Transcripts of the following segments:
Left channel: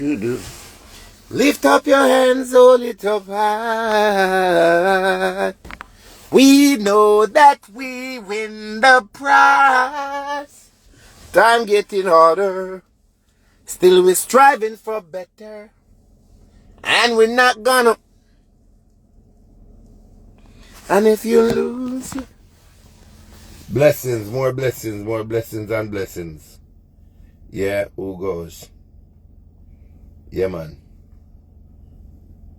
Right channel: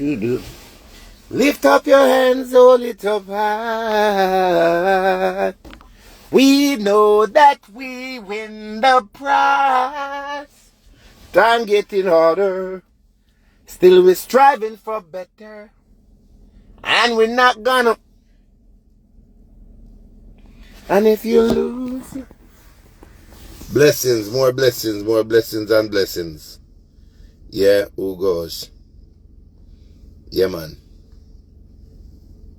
Lift up your hands, hold it up high. We know that we win the prize. Time getting harder. Still we're striving for better. And we're not gonna. And if you lose, blessings, more blessings, more blessings and blessings. Yeah, who goes? Yeah, man.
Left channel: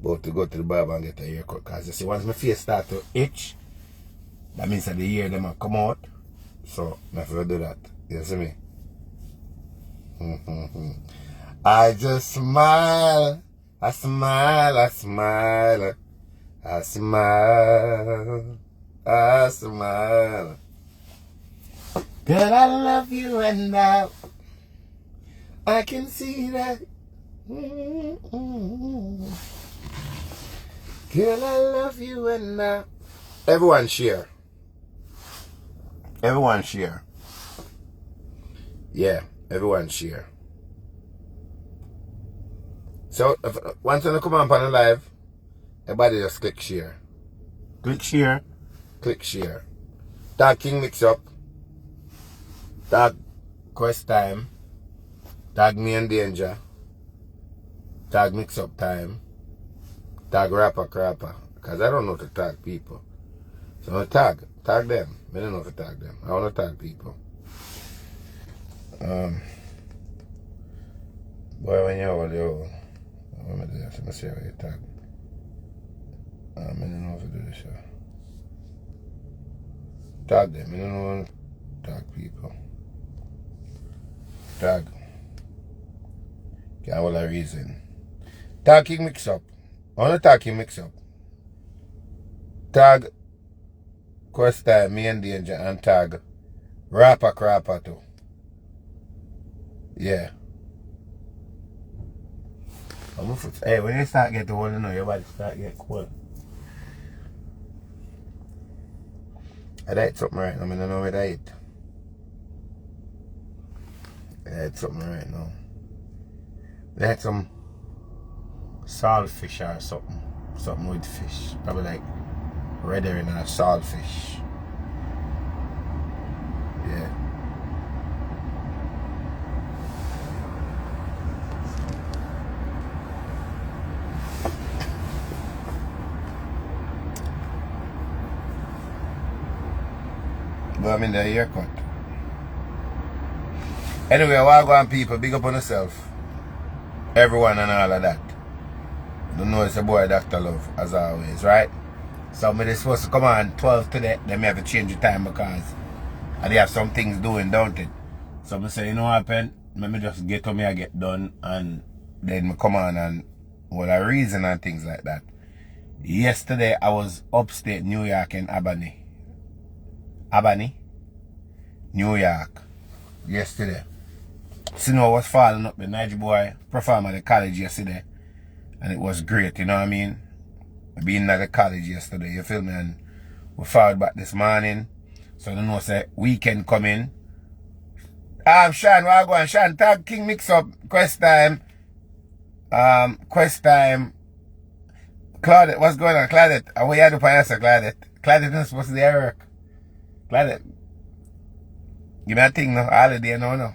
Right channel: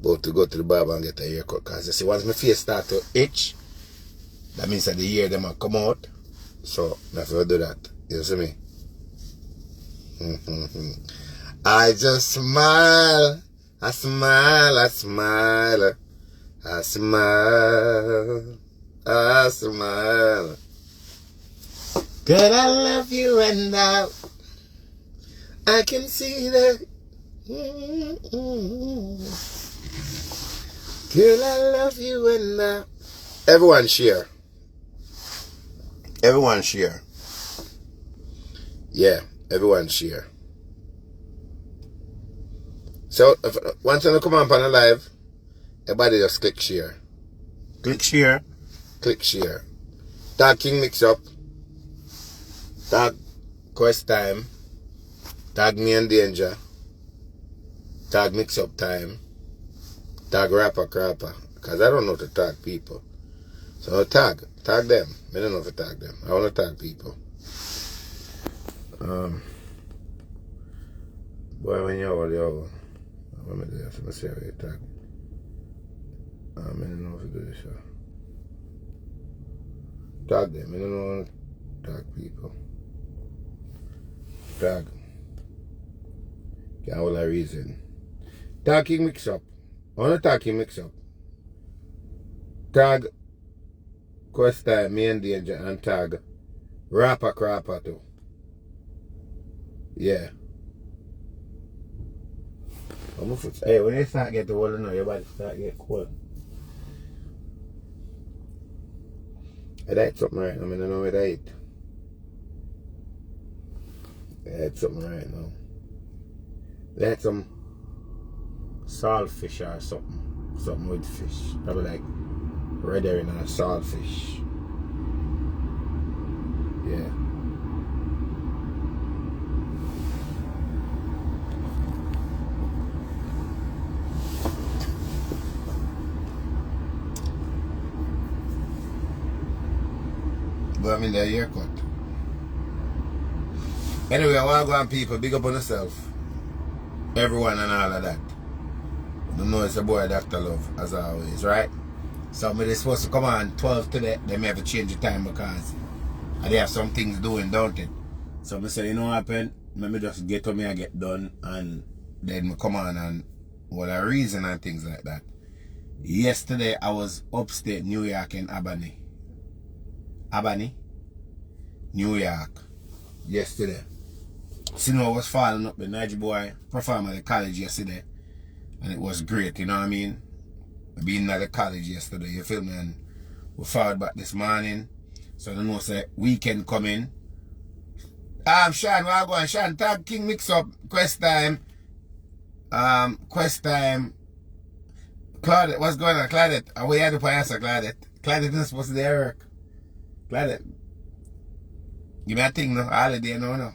About to go to the barber and get a haircut. Because you see, once my face start to itch, that means that the hair them will come out. So, I have to do that. You see me? I just smile. I smile. I smile. I smile. I smile. Girl, I love you and I can see that. Girl, I love you and everyone share. Everyone share. Yeah, everyone share. So, once you come on the live, everybody just click share. Click share. Click share. Tag King Mix Up. Tag Quest Time. Tag Me and Danger. Tag Mix Up Time. Tag Rapper Crapper. Because I don't know to tag people. So tag them. I don't know to tag them. I want to tag people. Boy, when you're all yo, what am I doing? I'm see how you tag. I don't know if to do this. Tag them. I don't know how to tag people. Tag. Get all the reason. Tag King Mix Up. I want to tag King Mix Up. Tag Quest Time, Me and Danger, and tag Rapper Crapper too. Yeah. Hey, when you start getting old, you know, your body start get cold. I died something right now. I don't know what I eat. I had something right now. I had some saltfish or something. Something with fish. Probably like red herring or saltfish. Yeah. But I'm in the haircut. Anyway, I want to go on people, big up on yourself. Everyone and all of that. You know it's a boy Dr. Love, as always, right? So they're supposed to come on 12 today. They may have to change the time because they have some things doing, don't it? So I say, you know what happened? Let me just get to me, I get done, and then I come on and what a reason and things like that. Yesterday I was upstate New York in Albany, New York. Yesterday. Snow was falling up. The Niger boy performed at the college yesterday. And it was great, you know what I mean? Being at the college yesterday, you feel me? And we followed back this morning. So I don't know, say weekend coming. Sean, where I go on? Sean, tag King Mix Up, Quest Time. Quest Time. Claudette, what's going on? Claudette, what you do for answer, Claudette? Claudette isn't supposed to be at work. Claudette. Give me a thing, no? Holiday, no.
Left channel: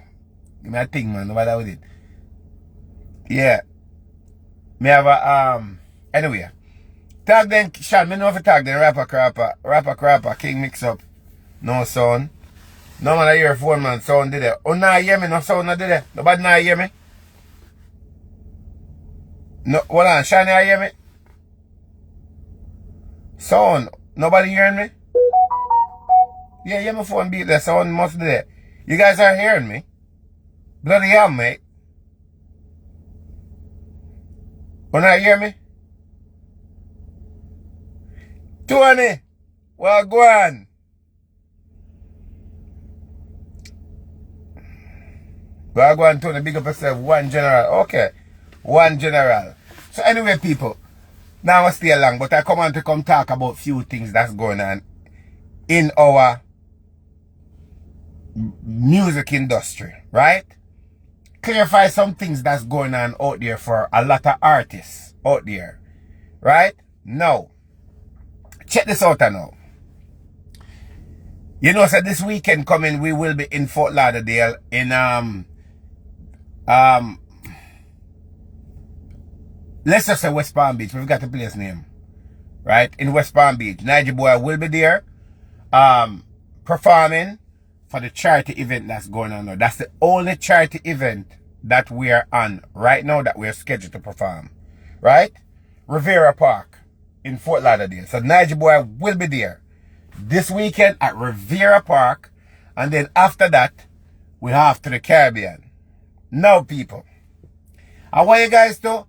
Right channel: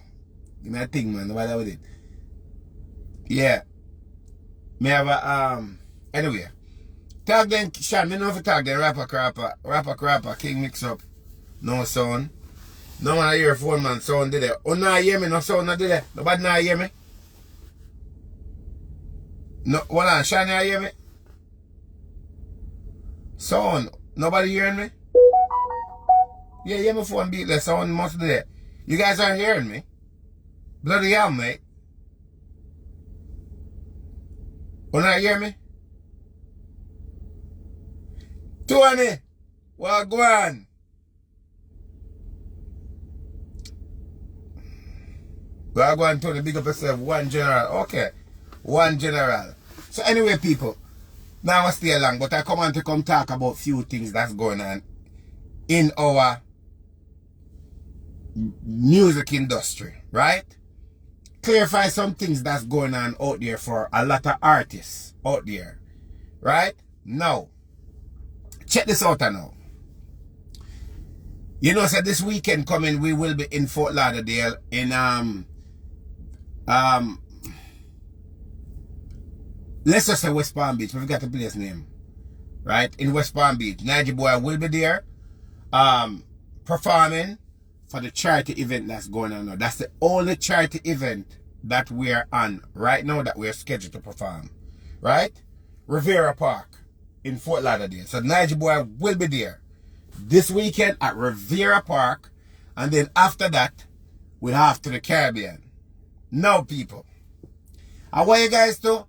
Give me a thing, man. No bother with it. Yeah. Me have a, anyway. Tag them, Sean, me know if you tag them, Rapper Crapper, King Mix Up. No sound. No man, I hear phone, man, sound did it. Oh, nah, hear me, no sound, no did it. Nobody nah hear me. No, hold on, Sean, you hear me? Sound, nobody hearing me? Yeah, hear my phone beat there, sound must be there. You guys are hearing me? Bloody hell, mate. You not hear me? 20. Well, go on. Go on, Tony. Big up yourself. One general. Okay. One general. So anyway, people. Now I stay long, but I come on to come talk about few things that's going on in our music industry, right? clarify some things that's going on out there for a lot of artists out there. Right? Now, check this out now. You know, so this weekend coming, we will be in Fort Lauderdale in let's just say West Palm Beach. We've got the place name. Right? In West Palm Beach. Nigel Boy will be there performing for the charity event that's going on now. That's the only charity event that we are on right now that we are scheduled to perform. Right? Riviera Park in Fort Lauderdale. So Nigel Boy will be there this weekend at Riviera Park, and then after that we have to the Caribbean. Now people, I want you guys to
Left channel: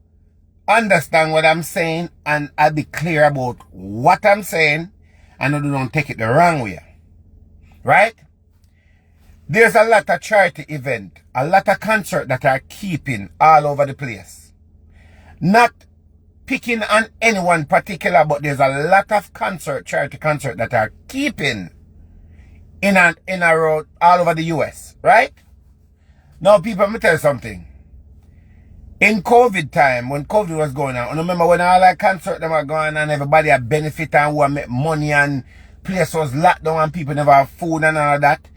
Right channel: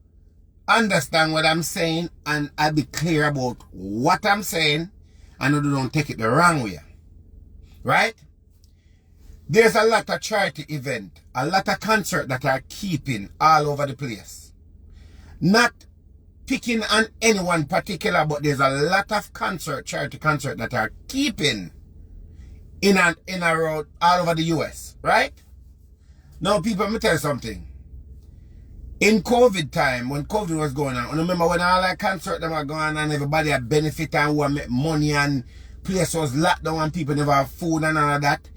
understand what I'm saying, and I'll be clear about what I'm saying, and don't take it the wrong way. Right? There's a lot of charity event, a lot of concert that are keeping all over the place. Not picking on anyone particular, but there's a lot of charity concert that are keeping in a road all over the US, right? Now people, let me tell you something. In COVID time, when COVID was going on, I remember when all that concert them were going on and everybody had benefit and who make money and place was locked down and people never have food and all of that.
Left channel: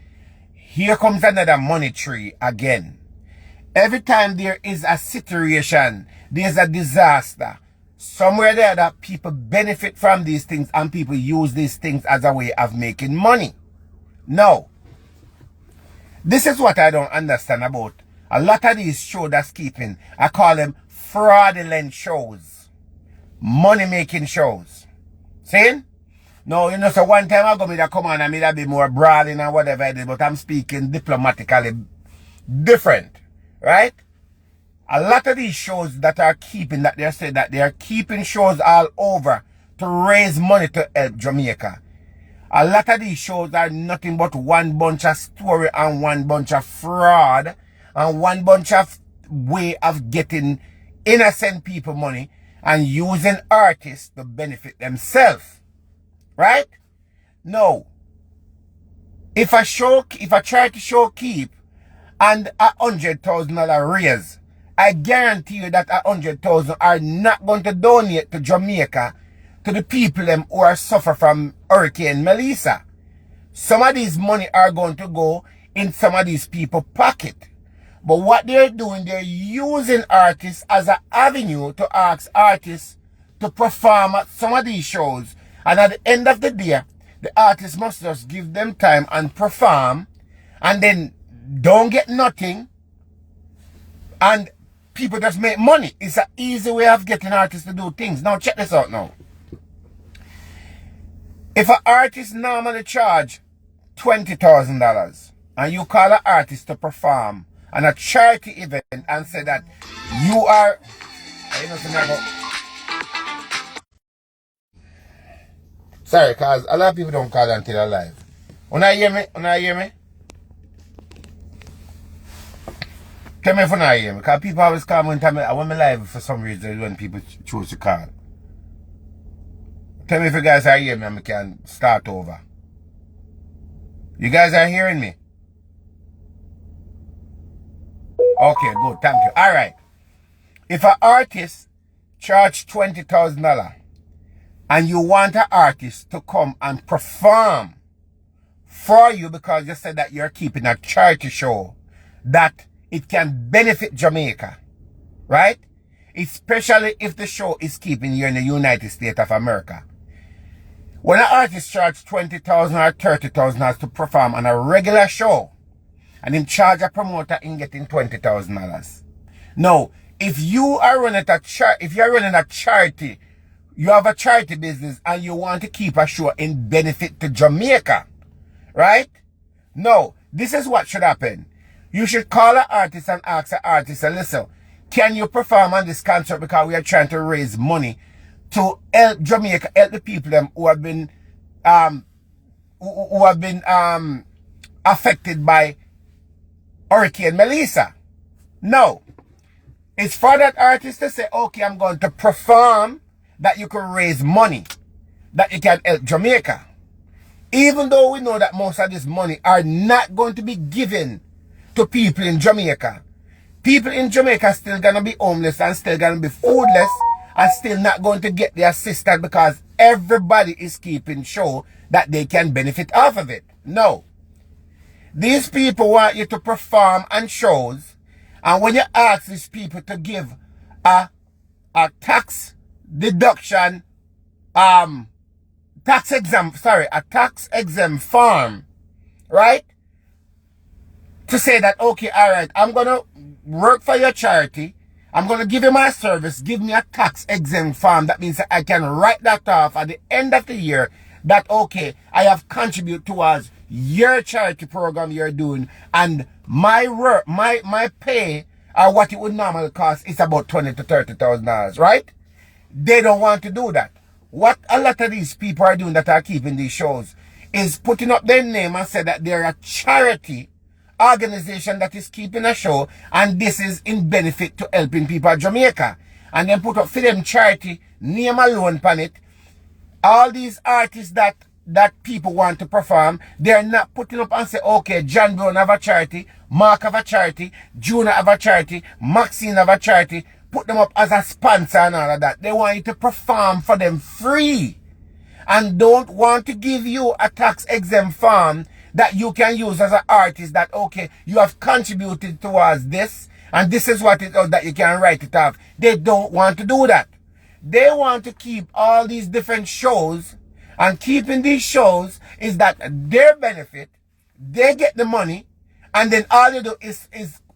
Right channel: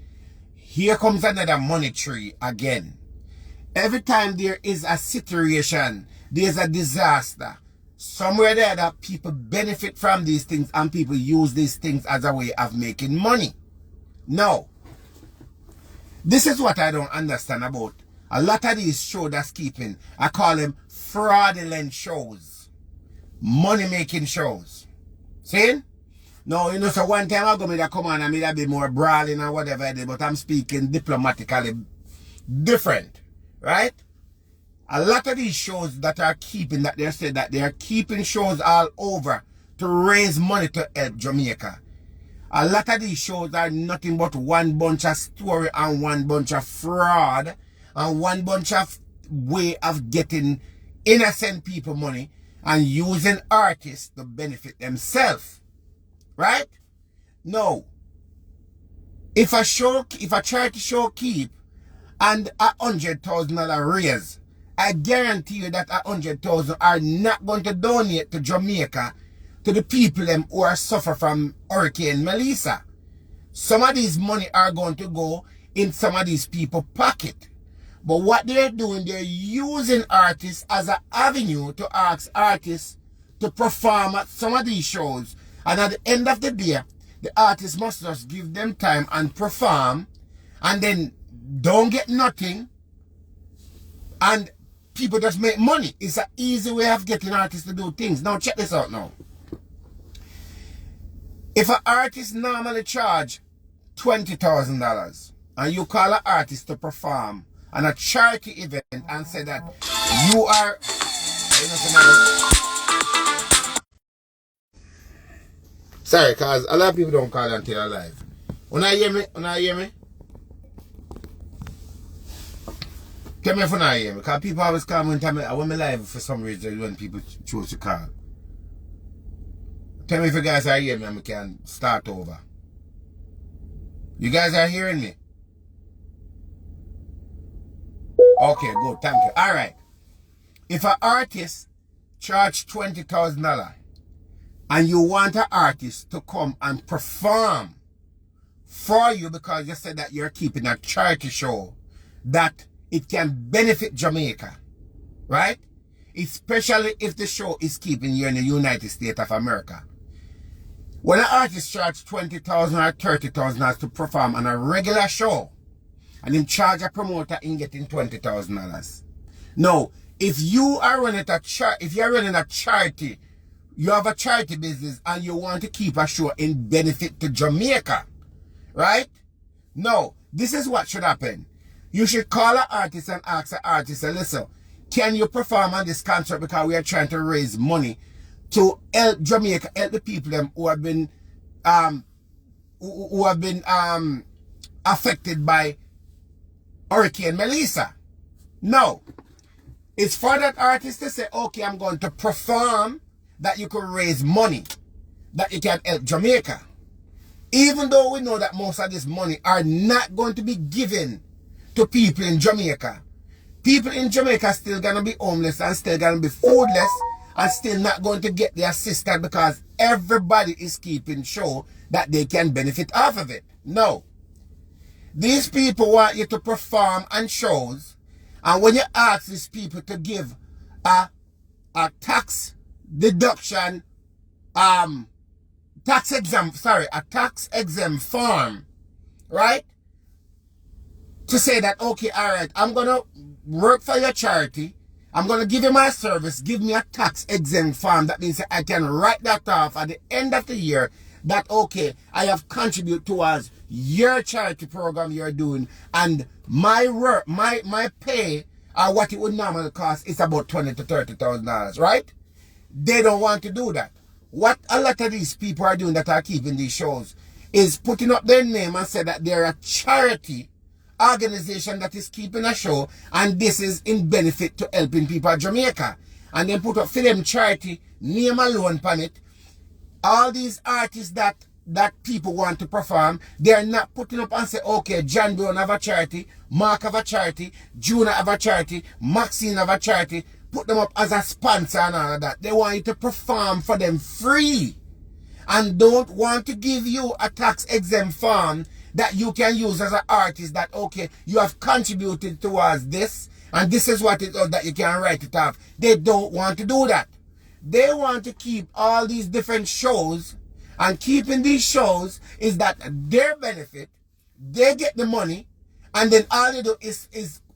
Here comes another money tree again. Every time there is a situation, there's a disaster, somewhere there that people benefit from these things and people use these things as a way of making money. No. This is what I don't understand about a lot of these shows that's keeping. I call them fraudulent shows. Money making shows. See? No, you know, so one time I go me that come on and me that be more brawling and whatever I did, but I'm speaking diplomatically different. Right? A lot of these shows that are keeping, that they say that they are keeping shows all over to raise money to help Jamaica. A lot of these shows are nothing but one bunch of story and one bunch of fraud and one bunch of way of getting innocent people money and using artists to benefit themselves. Right? No. If a charity show keep and $100,000 raise, I guarantee you that 100,000 are not going to donate to Jamaica, to the people who are suffer from Hurricane Melissa. Some of these money are going to go in some of these people's pocket. But what they're doing, they're using artists as an avenue to ask artists to perform at some of these shows. And at the end of the day, the artists must just give them time and perform, and then don't get nothing, and people just make money. It's an easy way of getting artists to do things. Now check this out now. If an artist normally charge $20,000 and you call an artist to perform on a charity event and say that you are, sorry, cause a lot of people don't call until they're live. When I hear me, tell me if you not hear me, because people always call me when I'm live for some reason when people choose to call. Tell me if you guys are hearing me and I can start over. You guys are hearing me? Okay, good, thank you. Alright. If an artist charge $20,000 and you want an artist to come and perform for you because you said that you're keeping a charity show, that it can benefit Jamaica, right? Especially if the show is keeping you in the United States of America. When an artist charges $20,000 or $30,000 to perform on a regular show, and him charge a promoter in getting $20,000. Now, if you are running a charity, you have a charity business and you want to keep a show in benefit to Jamaica, right? No, this is what should happen. You should call an artist and ask an artist, listen, can you perform on this concert because we are trying to raise money to help Jamaica, help the people who have been affected by Hurricane Melissa. No. It's for that artist to say, okay, I'm going to perform that you can raise money, that you can help Jamaica. Even though we know that most of this money are not going to be given to people in Jamaica, People in Jamaica still gonna be homeless and still gonna be foodless and still not going to get the assistance because everybody is keeping show that they can benefit off of it. No. These people want you to perform on shows, and when you ask these people to give a tax deduction, a tax exempt form, right? To say that, okay, all right, I'm going to work for your charity. I'm going to give you my service. Give me a tax exempt form. That means that I can write that off at the end of the year that, okay, I have contributed towards your charity program you're doing. And my work, my pay, or what it would normally cost is about $20,000 to $30,000, right? They don't want to do that. What a lot of these people are doing that are keeping these shows is putting up their name and say that they're a charity organization that is keeping a show, and this is in benefit to helping people at Jamaica. And then put up for them charity name alone on it. All these artists that people want to perform, they're not putting up and say, okay, John Brown have a charity, Mark have a charity, Juna have a charity, Maxine have a charity. Put them up as a sponsor and all of that. They want you to perform for them free, and don't want to give you a tax exempt form that you can use as an artist that, okay, you have contributed towards this, and this is what it is that you can write it off. They don't want to do that. They want to keep all these different shows, and keeping these shows is that their benefit, they get the money, and then all they do is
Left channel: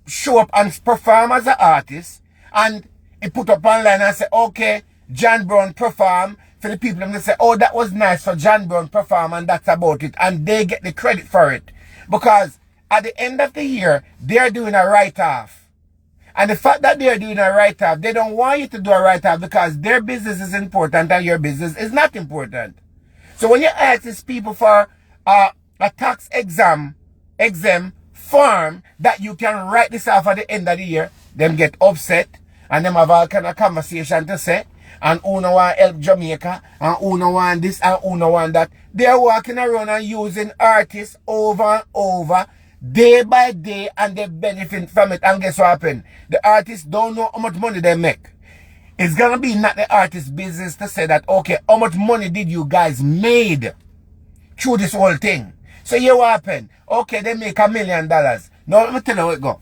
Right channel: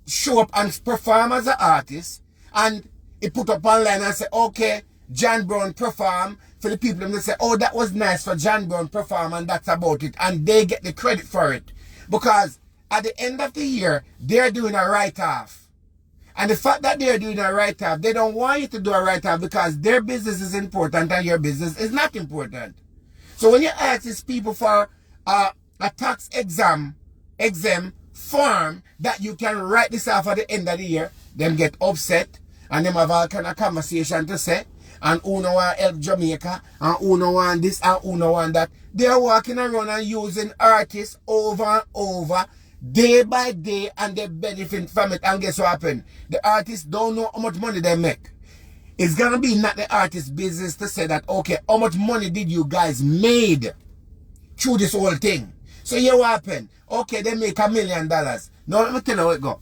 show up and perform as an artist, and it put up online and say, okay, John Brown perform. For the people, they say, oh, that was nice for John Brown perform, and that's about it. And they get the credit for it. Because at the end of the year, they're doing a write-off. And the fact that they're doing a write-off, they don't want you to do a write-off because their business is important and your business is not important. So when you ask these people for a tax exempt form that you can write this off at the end of the year, them get upset and them have all kind of conversation to say. And who no want help Jamaica, and who no want this, and who no want that. They're walking around and using artists over and over, day by day, and they benefit from it. And guess what happened? The artists don't know how much money they make. It's gonna be not the artist's business to say that, okay, how much money did you guys made through this whole thing? So here what happened? Okay, they make $1 million. Now let me tell you how it go.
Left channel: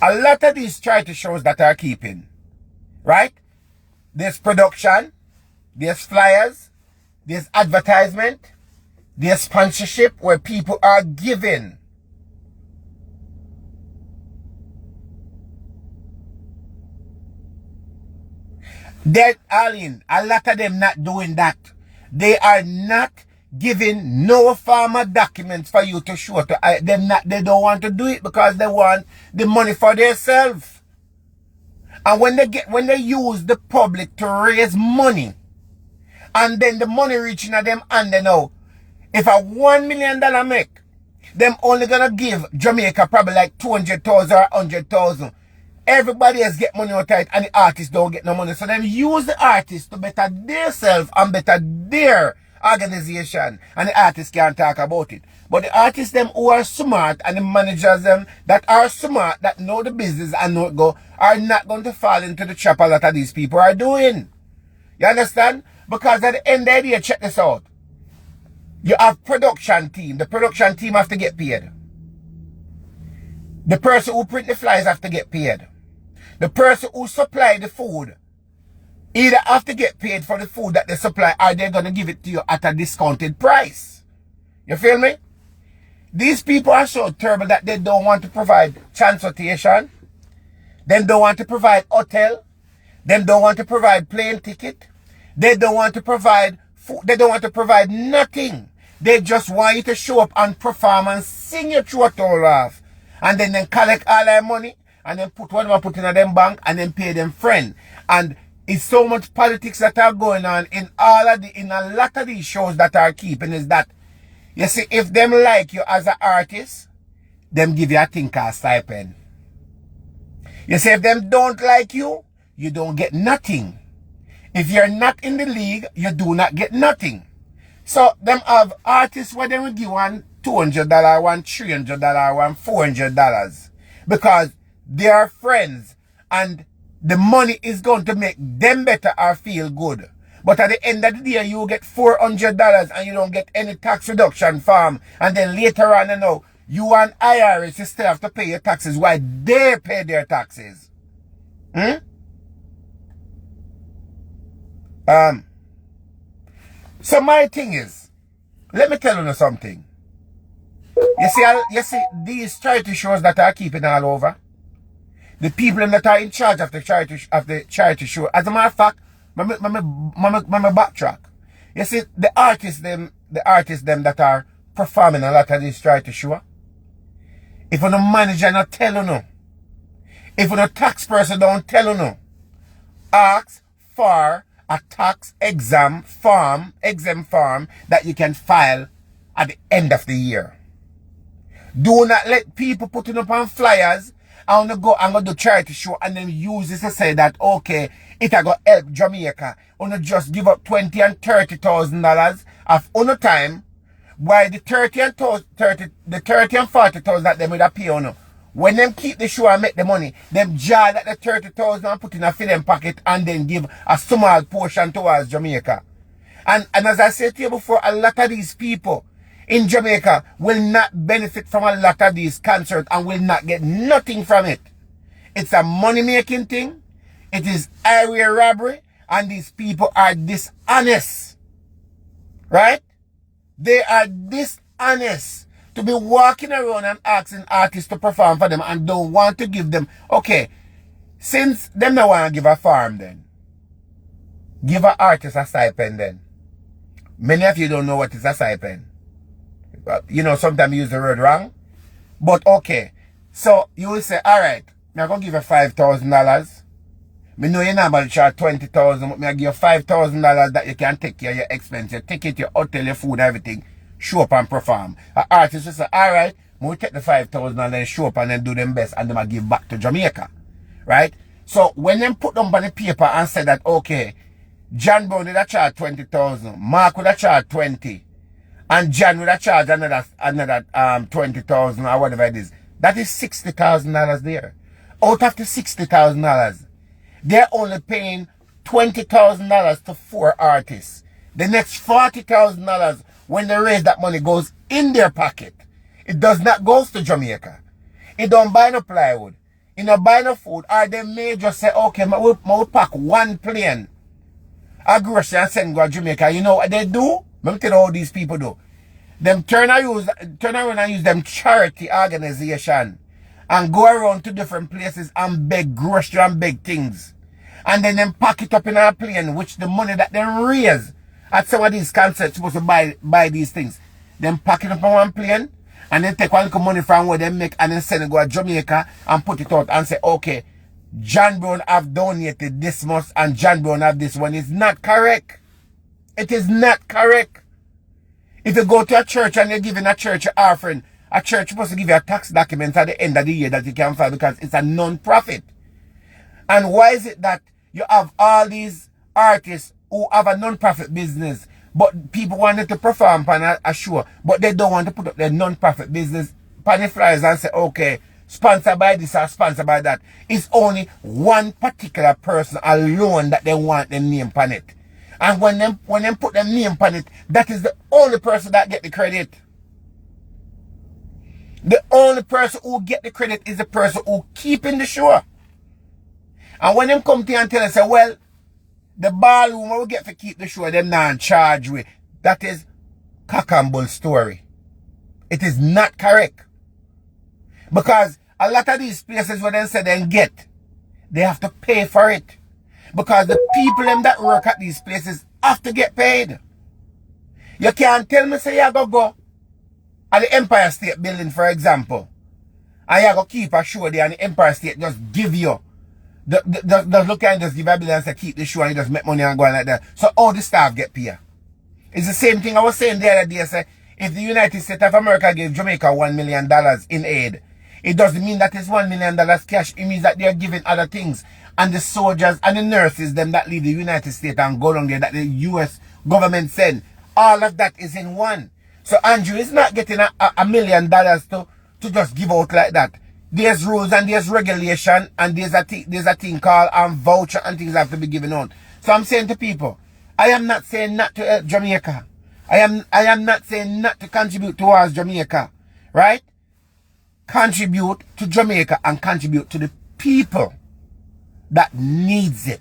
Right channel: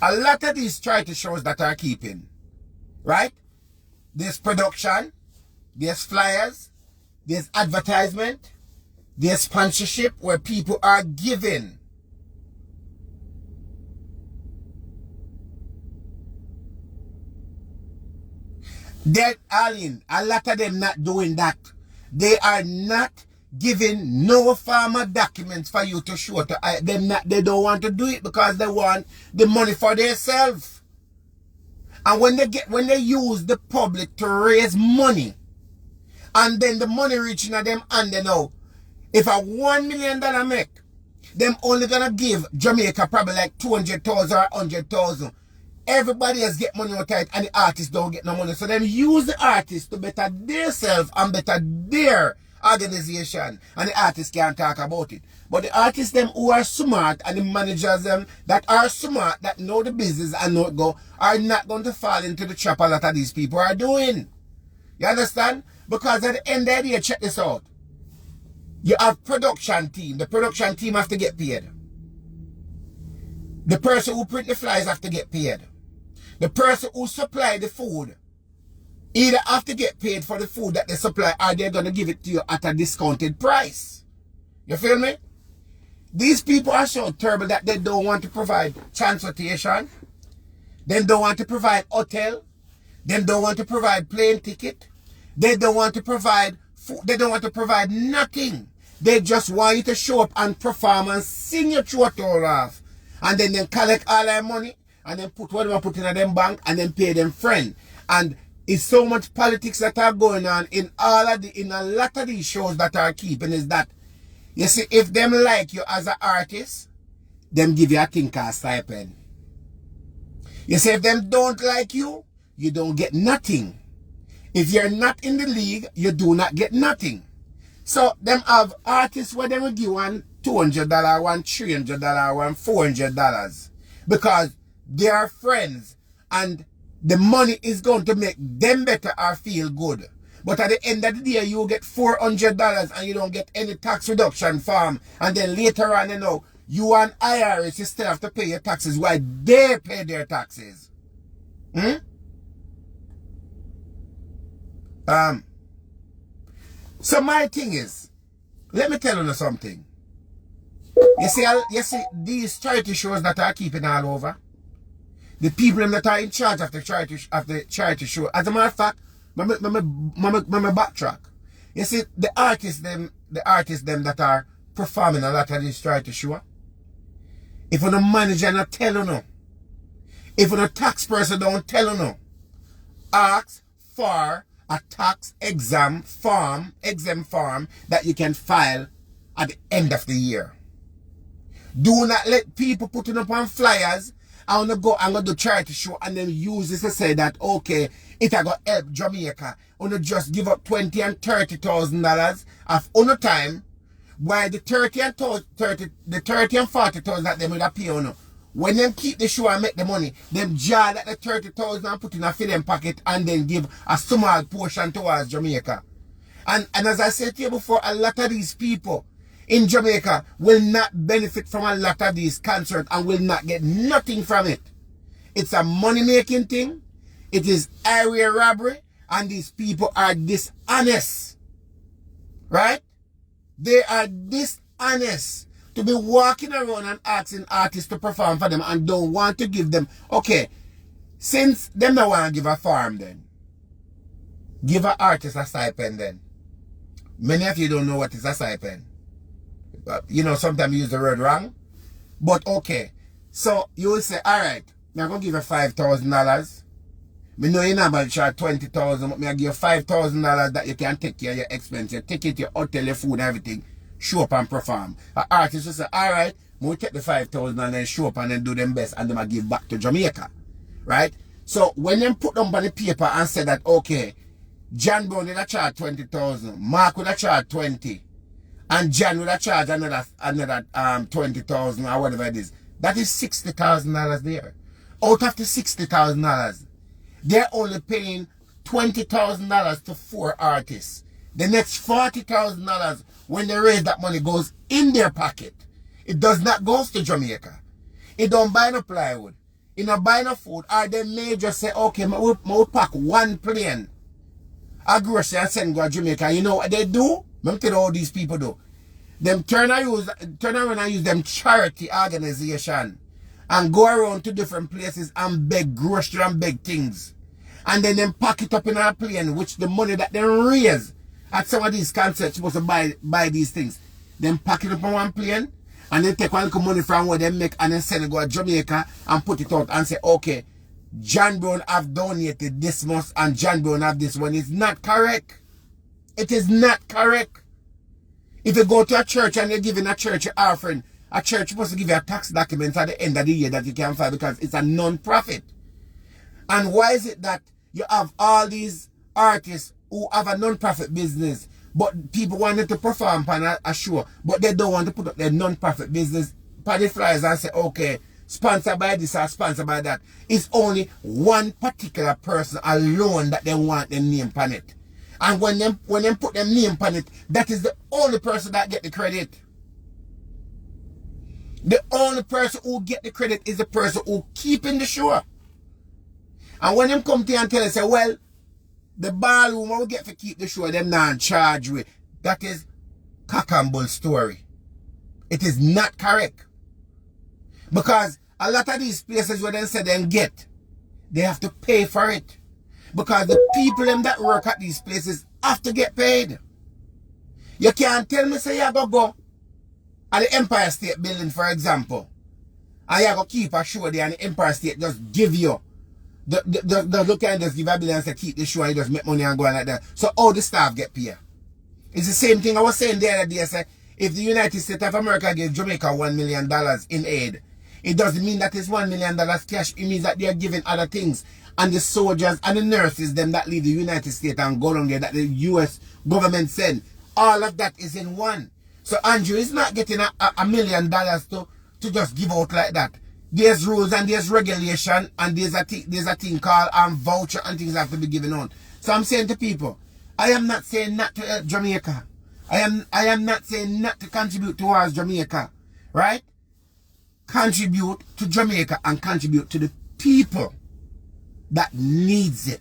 A lot of these charity shows that are keeping, right? There's production, there's flyers, there's advertisement, there's sponsorship where people are giving. They're all in. A lot of them not doing that. They are not giving no formal documents for you to show to them. They don't want to do it because they want the money for themselves. And when they use the public to raise money, and then the money reaching at them, and they know if a $1 million make, them only gonna give Jamaica probably like 200,000 or 100,000. Everybody else get money out of it, and the artists don't get no money. So them use the artists to better themselves and better their organization, and the artists can't talk about it. But the artists them who are smart, and the managers them that are smart, that know the business and know it go, are not going to fall into the trap a lot of these people are doing. You understand? Because at the end of the day, check this out. You have production team. The production team have to get paid. The person who print the flyers have to get paid. The person who supply the food either have to get paid for the food that they supply, or they're going to give it to you at a discounted price. You feel me? These people are so terrible that they don't want to provide transportation. They don't want to provide hotel. They don't want to provide plane ticket. They don't want to provide food. They don't want to provide nothing. They just want you to show up and perform and sing your throat all off. And then collect all their money and then put whatever put in them bank and then pay them friend. And it's so much politics that are going on in a lot of these shows that are keeping is that, you see, if them like you as an artist, them give you a thing called stipend. You see, if them don't like you, you don't get nothing. If you're not in the league, you do not get nothing. So them have artists where they will give one $200, one $300, one $400. Because they are friends, and the money is going to make them better or feel good. But at the end of the day, you get $400 and you don't get any tax reduction from. And then later on, you know, you and IRS, you still have to pay your taxes while they pay their taxes. So my thing is, let me tell you something. You see these charity shows that are keeping all over, the people that are in charge of the charity show. As a matter of fact, me backtrack. You see the artists them that are performing a lot of these charity show. If you're no manager not tell you no, if you're no tax person don't tell you no, ask for a tax exempt form that you can file at the end of the year. Do not let people put it up on flyers and go do charity show and then use this to say that, okay, it a go help Jamaica. Or just give up $20,000 and $30,000 of on time, while the 30 and 40,000 that them would pay on. When them keep the show and make the money, them jar that the 30,000 and put in a film pocket and then give a small portion towards Jamaica. And as I said to you before, a lot of these people in Jamaica will not benefit from a lot of these concerts and will not get nothing from it. It's a money-making thing. It is area robbery. And these people are dishonest. Right? They are dishonest to be walking around and asking artists to perform for them and don't want to give them. Okay, since them don't want to give a farm then, give an artist a stipend then. Many of you don't know what is a stipend. You know, sometimes you use the word wrong. But okay, so you will say, all right, I'm going to give you $5,000. Me know you're not about to charge $20,000, but I give you $5,000 that you can take care of your expense, your ticket, your hotel, your food, everything. Show up and perform. An artist will say, all right, we'll take the $5,000 and then show up and then do them best and then I give back to Jamaica. Right? So when them put them on the paper and say that, okay, John Brown would have charged $20,000, Mark would have charged $20,000, and John would have charged another $20,000 or whatever it is, that is $60,000 there. Out of the $60,000, they're only paying $20,000 to 4 artists. The next $40,000, when they raise that money, goes in their pocket. It does not go to Jamaica. It don't buy no plywood. It don't buy no food. Or they may just say, okay, we'll pack one plane a grocery and send go to Jamaica. You know what they do? Let me tell you how these people do. Them turn around and use them charity organization and go around to different places and beg grocery and beg things. And then them pack it up in a plane, which the money that they raise at some of these concerts supposed to buy these things. Then pack it up on one plane and then take one little money from where they make and then send it go to Jamaica and put it out and say, okay, John Brown have donated this much and John Brown have this one. It's not correct. It is not correct. If you go to a church and you're giving a church an offering, a church supposed to give you a tax document at the end of the year that you can file because it's a non-profit. And why is it that you have all these artists who have a non-profit business, but people wanted to perform on a show, but they don't want to put up their non-profit business on the flyers and say, okay, sponsored by this or sponsored by that. It's only one particular person alone that they want them name on it. And when them put them name on it, that is the only person that get the credit. The only person who get the credit is the person who keeping the show. And when them come to you and tell us, say, well, the ballroom we get to keep the show, them not in charge with. That is cock and bull story. It is not correct. Because a lot of these places where they say they get, they have to pay for it. Because the people them that work at these places have to get paid. You can't tell me say you go at the Empire State Building, for example, and you go keep a show there and the Empire State just give you the look and just give a bill and say keep the show and you just make money and go on like that. So all the staff get paid. It's the same thing I was saying the other day. Say, if the United States of America gave Jamaica $1 million in aid, it doesn't mean that it's $1 million cash. It means that they're giving other things. And the soldiers and the nurses, them that leave the United States and go along there, that the US government send, all of that is in one. So Andrew is not getting $1 million to just give out like that. There's rules and there's regulation and there's a thing called voucher and things have to be given on. So I'm saying to people, I am not saying not to help Jamaica. I am not saying not to contribute towards Jamaica. Right? Contribute to Jamaica and contribute to the people that needs it.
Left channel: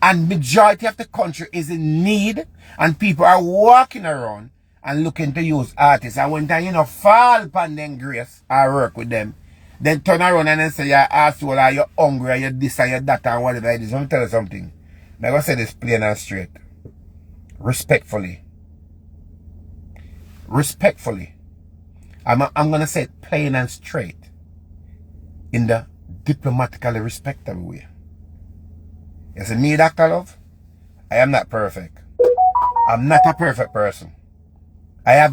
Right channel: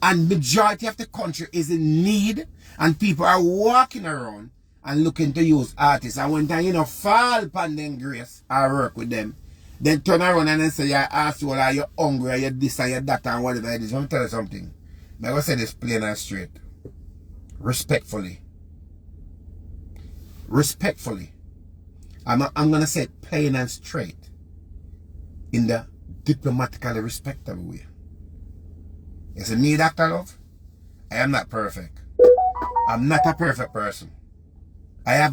And majority of the country is in need and people are walking around and looking to use artists. And when time, fall upon them grace or work with them, then turn around and then say you're asshole or you're hungry or you're this and you're that and whatever it is. Let me tell you something. I'm going to say this plain and straight. Respectfully. Respectfully. I'm going to say it plain and straight. In the diplomatically respectable way. You see, me, Dr. Love, I am not perfect. I'm not a perfect person. I have